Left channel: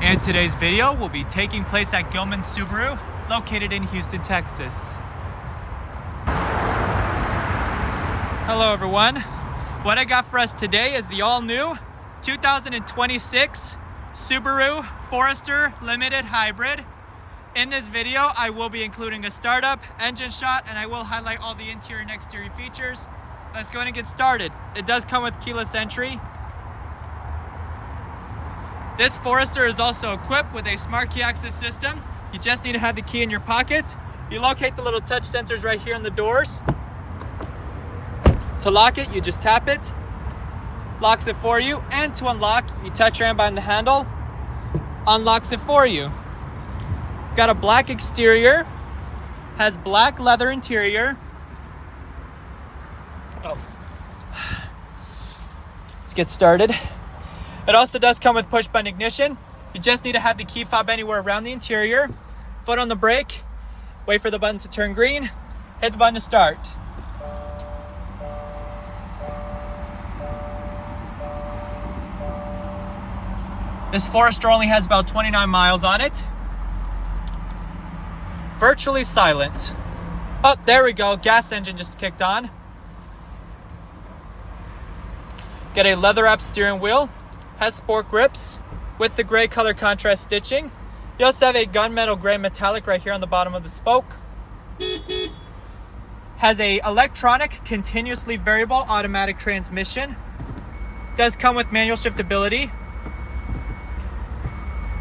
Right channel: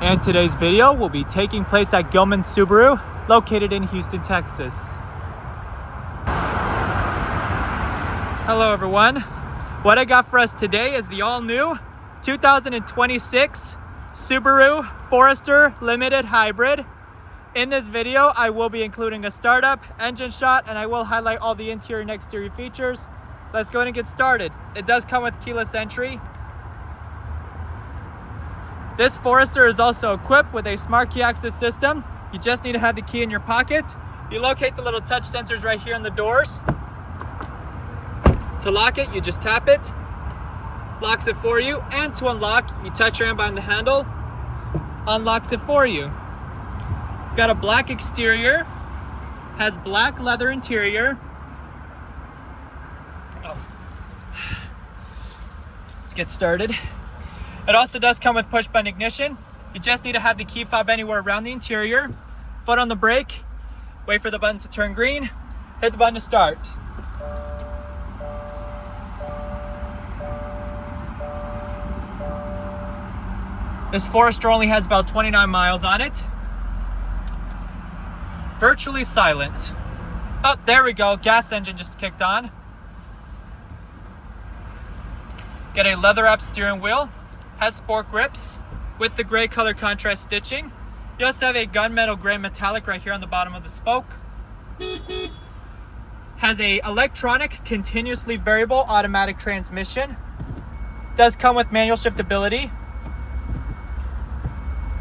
And today's video will be taking place at Gillman Subaru, located in Houston, Texas. Hello everyone. What I got for us today is the all-new 2026 Subaru Forester Limited Hybrid. In this video, I will be including a startup, engine shot, and I will highlight all the interior and exterior features. Let's go ahead and get started. It does come with keyless entry. This Forester is also equipped with a smart key access system. You just need to have the key in your pocket. You locate the little touch sensors right here on the doors. To lock it, you just tap it. Locks it for you. And to unlock, you touch your hand behind the handle. Unlocks it for you. It's got a black exterior. Has black leather interior. Let's get started. It also does come with push button ignition. You just need to have the key fob anywhere around the interior. Foot on the brake, wait for the button to turn green, hit the button to start. This Forester only has about 29 miles on it. Virtually silent. Oh, there we go, gas engine just kicked on. Got a leather wrapped steering wheel. Has sport grips with the gray color contrast stitching. You also have a gunmetal gray metallic right here on the bottom of the spoke. Has a electronic continuously variable automatic transmission. Does come with manual shiftability.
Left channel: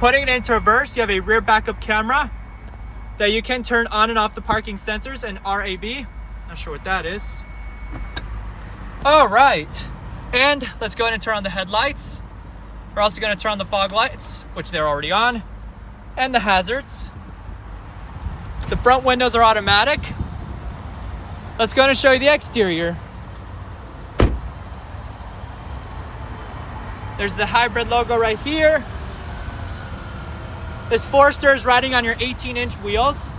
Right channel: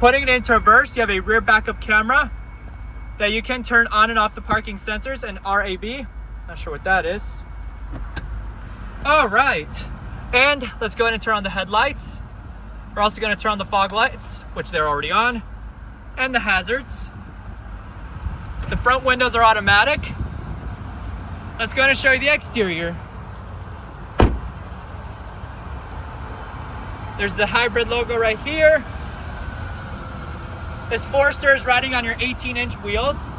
Putting it into reverse, you have a rear backup camera that you can turn on and off the parking sensors and RAB. Not sure what that is. All right, and let's go ahead and turn on the headlights. We're also going to turn on the fog lights, which they're already on, and the hazards. The front windows are automatic. Let's go ahead and show you the exterior. There's the hybrid logo right here. This Forester is riding on your 18-inch wheels.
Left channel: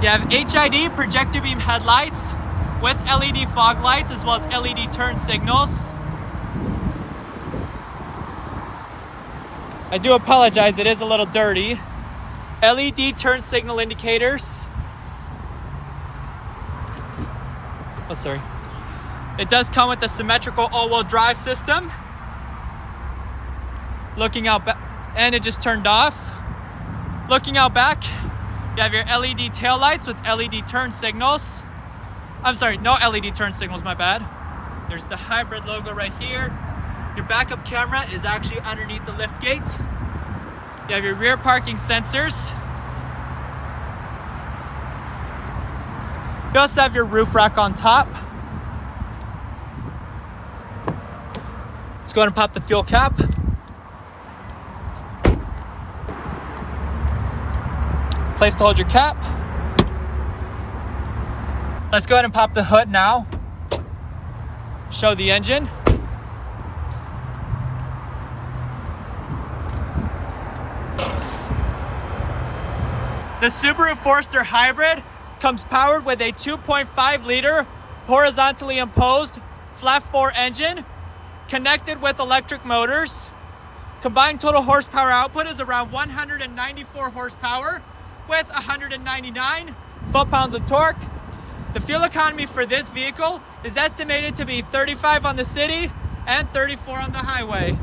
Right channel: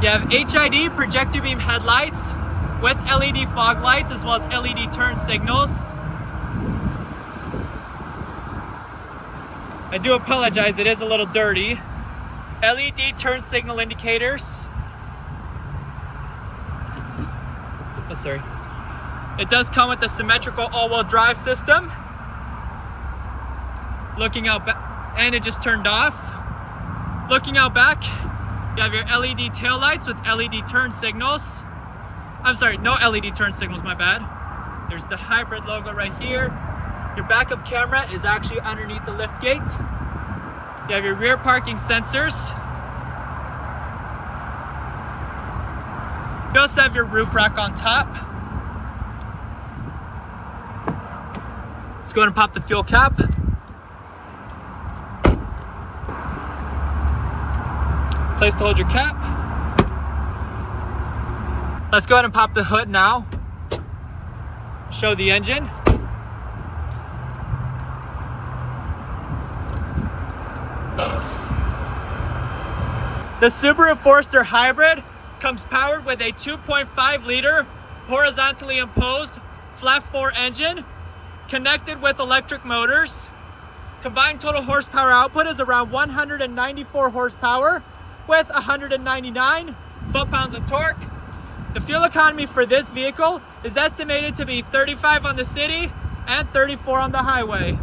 You have HID projector beam headlights with LED fog lights as well as LED turn signals. I do apologize, it is a little dirty. LED turn signal indicators. Oh, sorry. It does come with a symmetrical all-wheel drive system. Looking out back, and it just turned off. Looking out back, you have your LED taillights with LED turn signals. I'm sorry, no LED turn signals, my bad. There's the hybrid logo right here. Your backup camera is actually underneath the lift gate. You have your rear parking sensors. You also have your roof rack on top. Let's go ahead and pop the fuel cap. Place to hold your cap. Let's go ahead and pop the hood now. Show the engine. The Subaru Forester Hybrid comes powered with a 2.5 liter horizontally imposed flat 4 engine connected with electric motors. Combined total horsepower output is around 194 horsepower with 199 foot-pounds of torque. The fuel economy for this vehicle is estimated to be 35 on the city and 34 on the highway.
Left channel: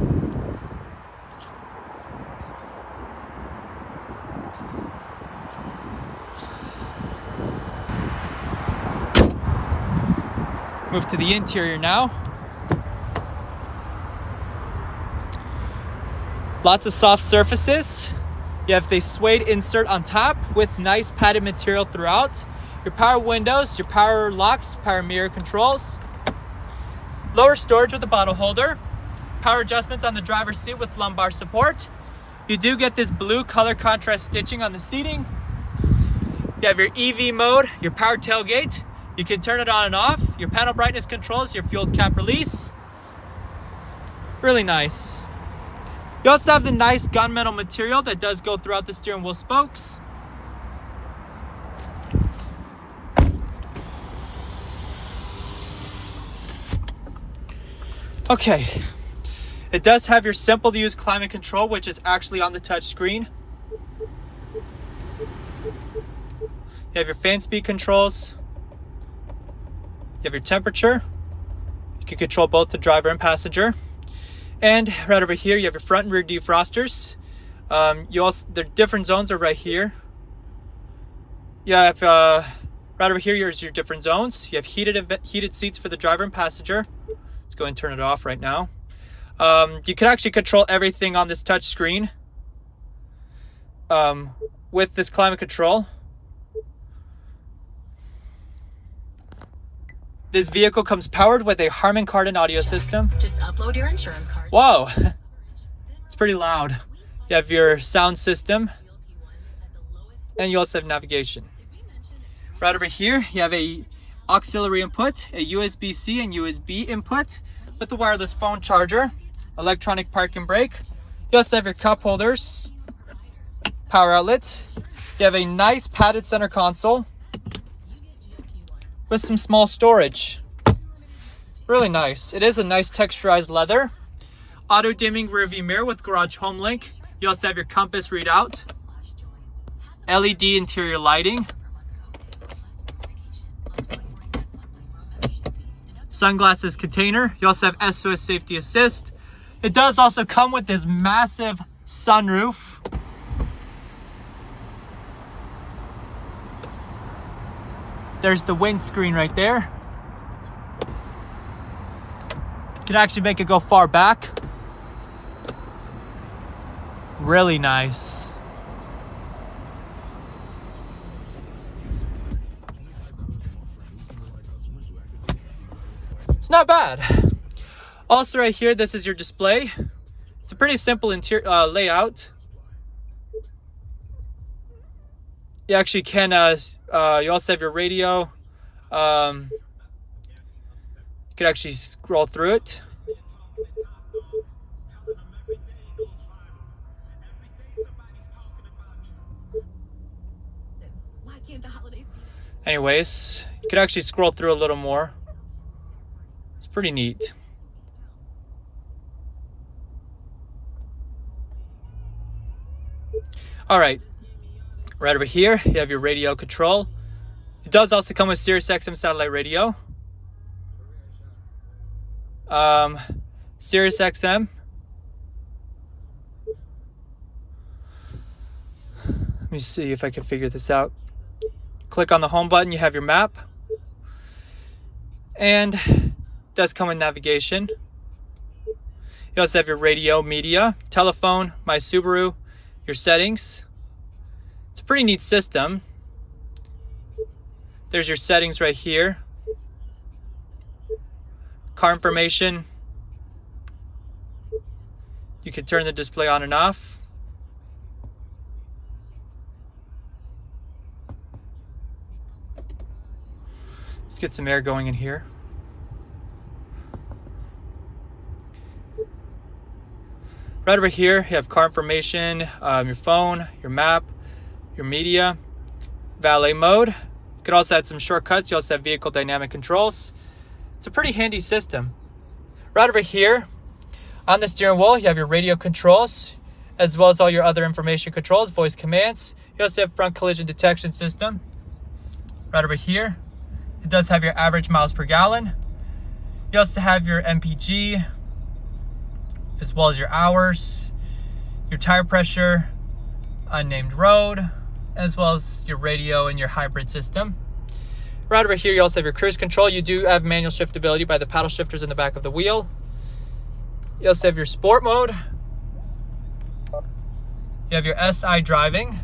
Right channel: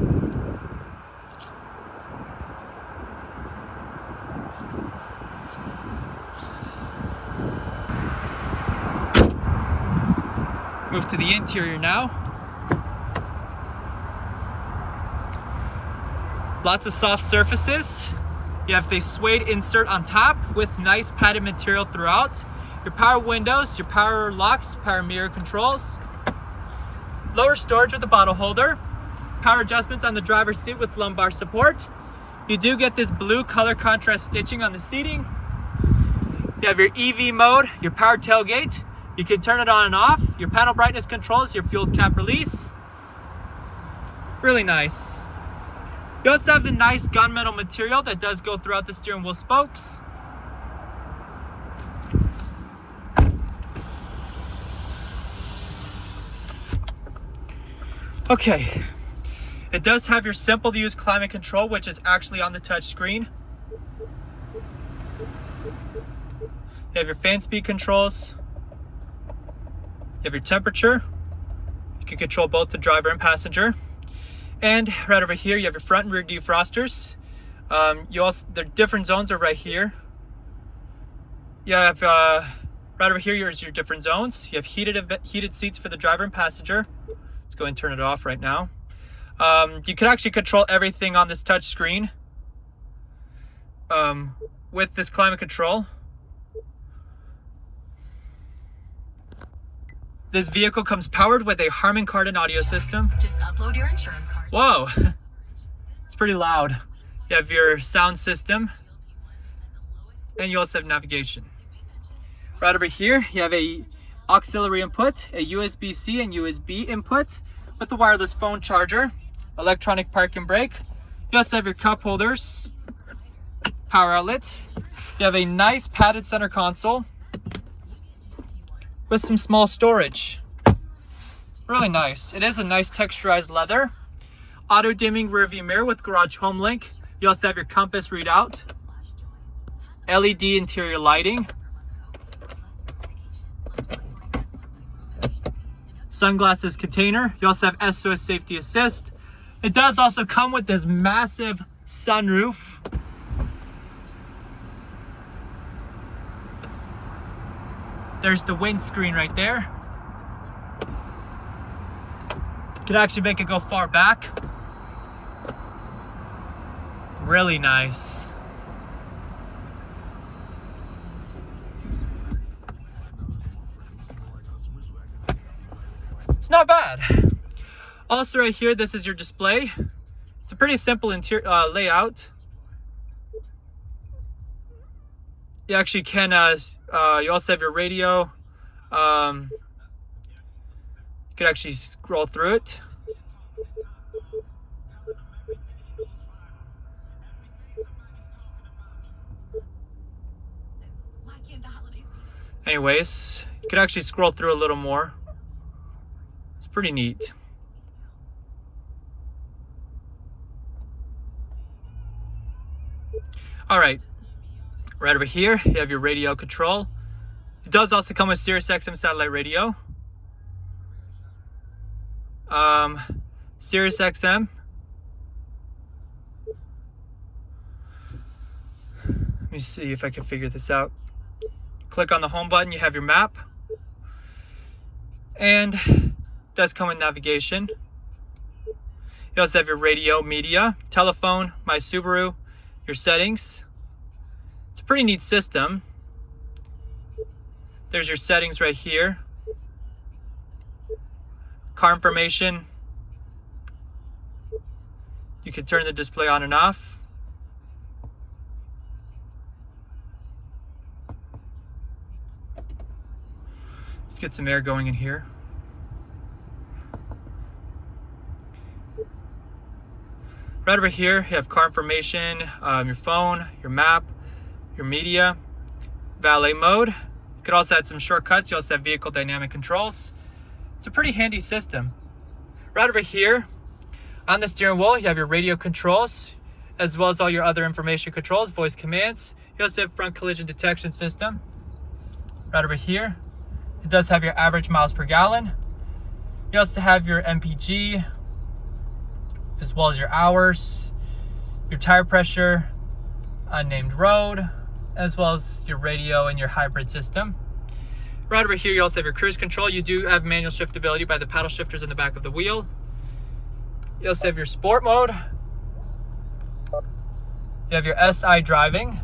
Move to the interior now. Lots of soft surfaces. You have the suede insert on top with nice padded material throughout. Your power windows, your power locks, power mirror controls. Lower storage with a bottle holder. Power adjustments on the driver's seat with lumbar support. You do get this blue color contrast stitching on the seating. You have your EV mode, your power tailgate. You can turn it on and off. Your panel brightness controls your fuel cap release. Really nice. You also have the nice gunmetal material that does go throughout the steering wheel spokes. Okay, it does have your simple to use climate control, which is actually on the touch screen. You have your fan speed controls. You have your temperature. You can control both the driver and passenger. And right over here, you have your front and rear defrosters. The different zones are right here. You have right over here, here's your different zones. You have heated seats for the driver and passenger. Let's go and turn it off right now. You can actually control everything on this touch screen with this climate control. This vehicle comes powered with a Harman Kardon audio system. Just upload your insurance card. Whoa, it's pretty loud. You have your sound system, and you also have navigation. Right over here, you have a auxiliary input, a USB-C and USB input with the wireless phone charger, electronic parking brake. You also have your cup holders, power outlets. You have a nice padded center console with some small storage. Really nice. It is a nice texturized leather. Auto dimming rear view mirror with garage home link. You also have your compass readout. LED interior lighting. Sunglasses container. You also have SOS safety assist. It does also come with this massive sunroof. There's the windscreen right there. You can actually make it go far back. Really nice. It's not bad. Also right here, this is your display. It's a pretty simple interior layout. You actually can, you also have your radio. You could actually scroll through it. Anyways, you could actually scroll through a little more. It's pretty neat. All right. Right over here, you have your radio control. It does also come with Sirius XM satellite radio. Sirius XM. Let me see if I can figure this out. Click on the home button, you have your map. And it does come with navigation. You also have your radio, media, telephone, my Subaru, your settings. It's a pretty neat system. There's your settings right here. Car information. You can turn the display on and off. Let's get some air going in here. Right over here, you have car information, your phone, your map, your media, valet mode. You could also add some shortcuts. You also have vehicle dynamic controls. It's a pretty handy system. Right over here on the steering wheel, you have your radio controls, as well as all your other information controls, voice commands. You also have front collision detection system. Right over here, it does have your average miles per gallon. You also have your MPG, as well as your hours, your tire pressure, unnamed road, as well as your radio and your hybrid system. Right over here, you also have your cruise control. You do have manual shiftability by the paddle shifters in the back of the wheel. You also have your sport mode. You have your SI driving.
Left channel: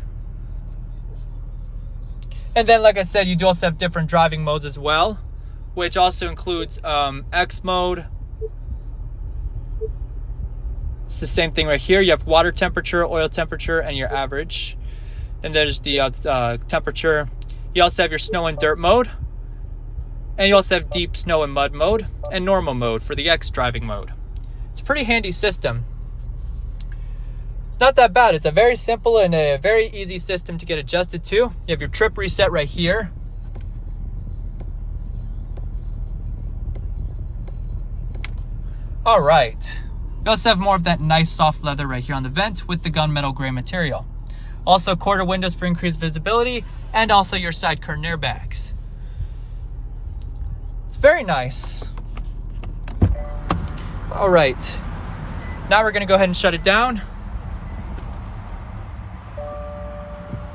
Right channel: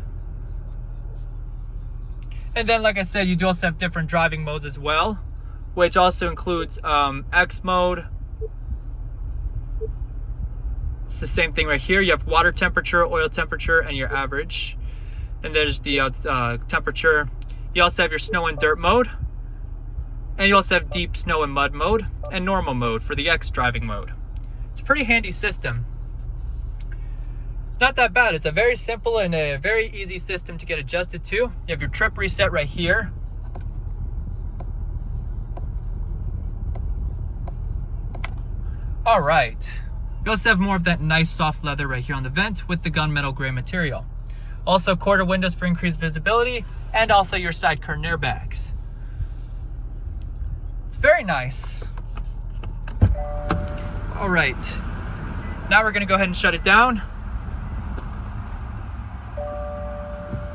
And then, like I said, you do also have different driving modes as well, which also includes X mode. It's the same thing right here. You have water temperature, oil temperature, and your average. And there's the temperature. You also have your snow and dirt mode. And you also have deep snow and mud mode and normal mode for the X driving mode. It's a pretty handy system. It's not that bad. It's a very simple and a very easy system to get adjusted to. You have your trip reset right here. All right. You also have more of that nice soft leather right here on the vent with the gunmetal gray material. Also quarter windows for increased visibility, and also your side curtain airbags. It's very nice. All right. Now we're gonna go ahead and shut it down.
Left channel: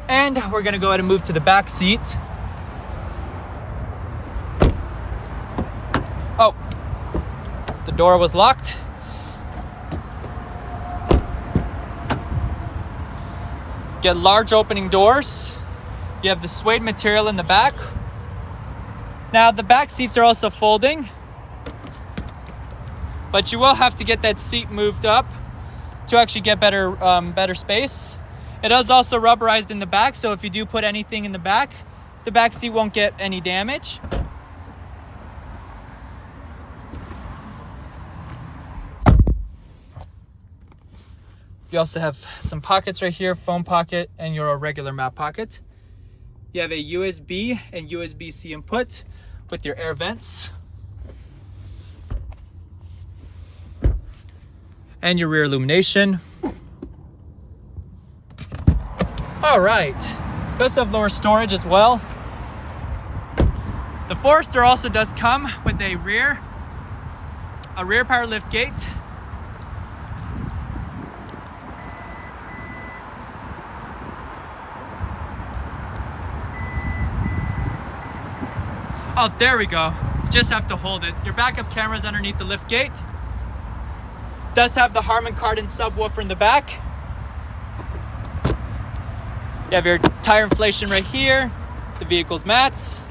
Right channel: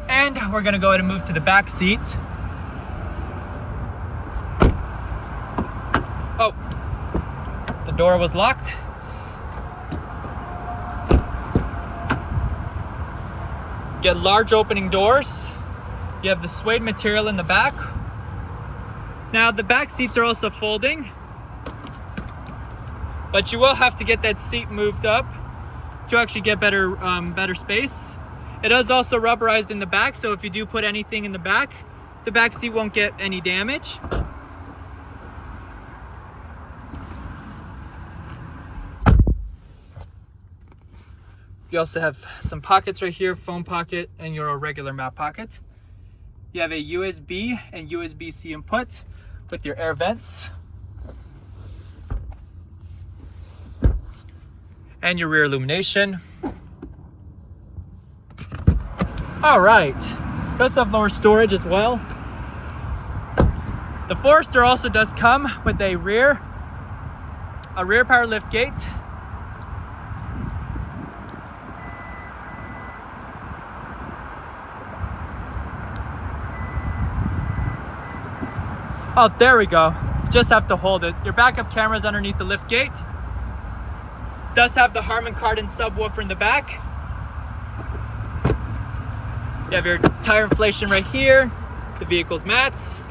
And we're gonna go ahead and move to the back seat. Oh, the door was locked. Get large opening doors. You have the suede material in the back. Now the back seats are also folding, but you will have to get that seat moved up to actually get better space. It is also rubberized in the back, so if you do put anything in the back seat won't get any damage. You also have some pockets right here, phone pocket and your regular map pocket. You have a USB and USB-C input with your air vents. And your rear illumination. All right, you also have lower storage as well. The Forester also does come with a rear power lift gate. Oh, there we go. Just have to hold it. Your backup camera is underneath the lift gate. Does have the Harman Kardon subwoofer in the back. You have your tire inflation right here, the vehicle's mats,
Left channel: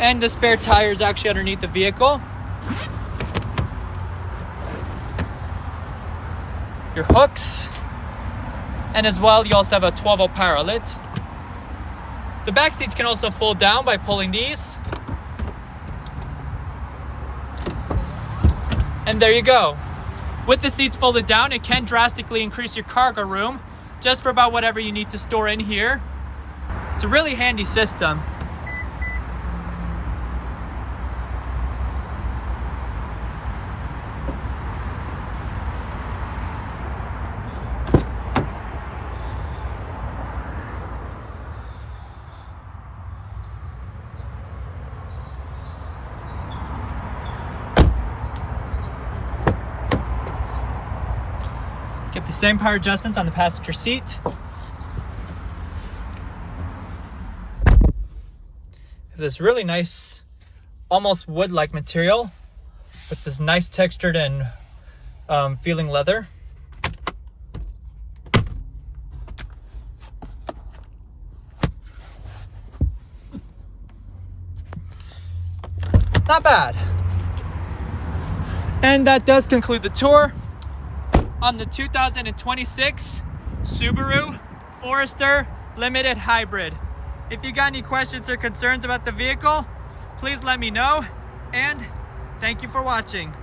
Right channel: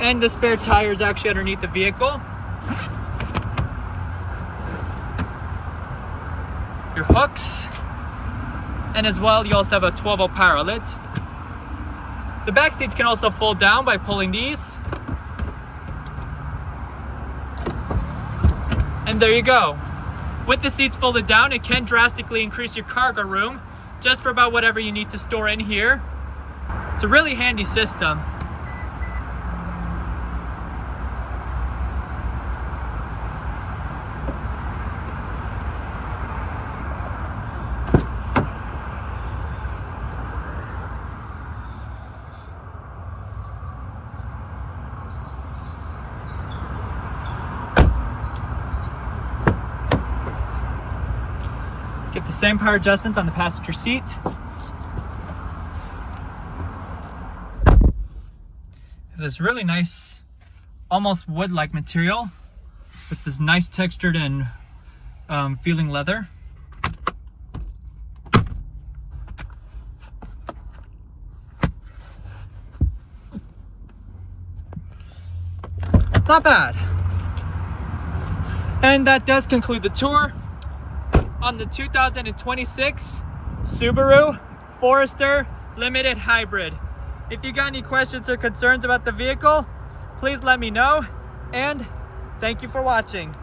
and the spare tire is actually underneath the vehicle. Your hooks, and as well, you also have a 12-volt power outlet. The back seats can also fold down by pulling these. And there you go. With the seats folded down, it can drastically increase your cargo room just for about whatever you need to store in here. It's a really handy system. Get the same power adjustments on the passenger seat. This really nice, almost wood-like material with this nice textured and feeling leather. Not bad. And that does conclude the tour on the 2026 Subaru Forester Limited Hybrid. If you got any questions or concerns about the vehicle, please let me know, and thank you for watching.